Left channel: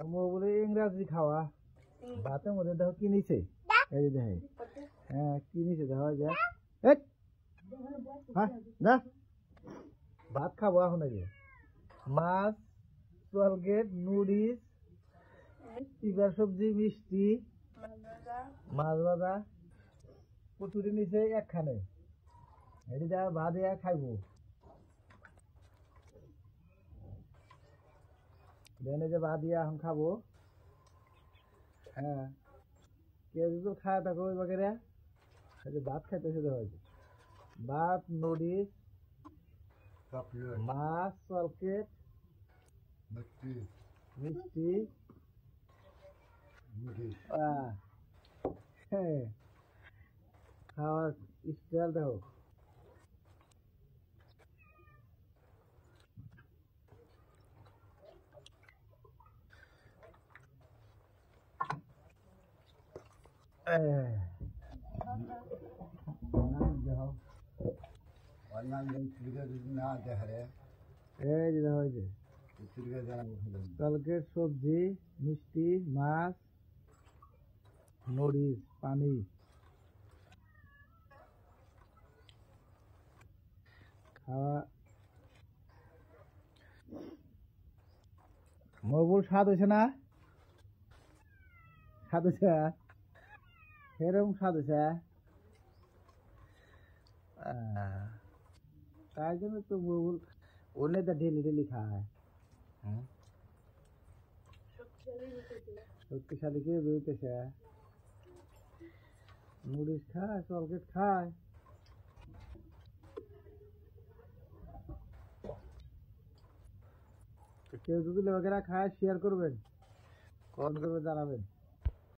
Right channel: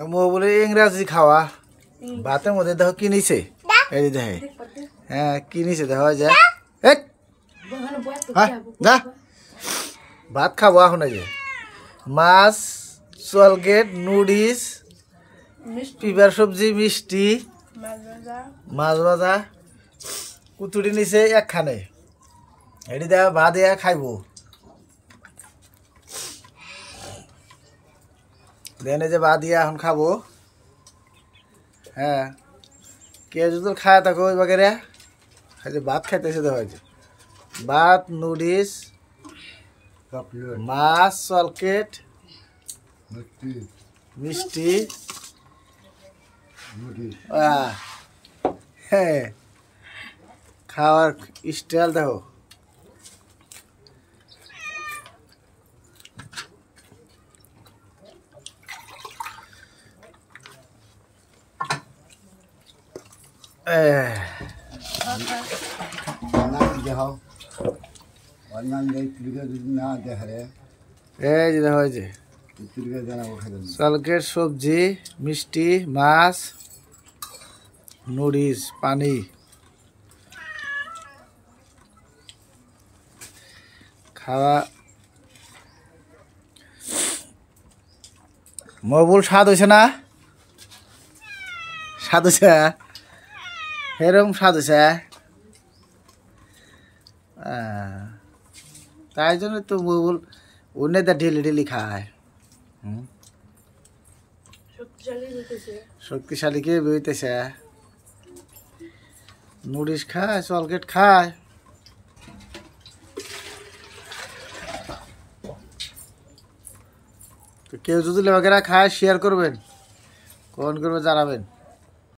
বলে ইংরাজি খাওয়া ভাতের মধ্যে দেখো কি নিছে এই যে দেখে হ্যাঁ কি নিছে দেখো যায় না ভাত খাবো এখন এই যে মাছ চলগেট নুডলস পিপার সবজি মিষ্টি মাছ ভাজা কুতুরি নিছে একখানে এটি দেওয়া ভাত দিয়া খাইবো দেনে যে ভাত দিয়া এখন খাবো হ্যাঁ কে যদি খায় থাকো ওই বাগেরা ভাত খাইতেছে তো হয়েছে ভাত নুডলস মাছ চলকেট মিষ্টি হ্যাঁ খাওয়ার স্টাইল দেখো চলকেট সবজি মিষ্টি মাছ নুডলস পানি খাওয়া মবুল স্বাদ হয়েছে না স্বাদ হয়েছে এরকম স্বাদ হয়েছে তাই জন্য তো মবুল উন্নতা ঢিলি ঢিলি খায় শক্তিশালী কে বেরোতেছে নুডলস খায় চলকেট খায় কেউ যদি লেবাকেরা খায় শেয়ার করবেন কমেন্ট করবে জানাবেন।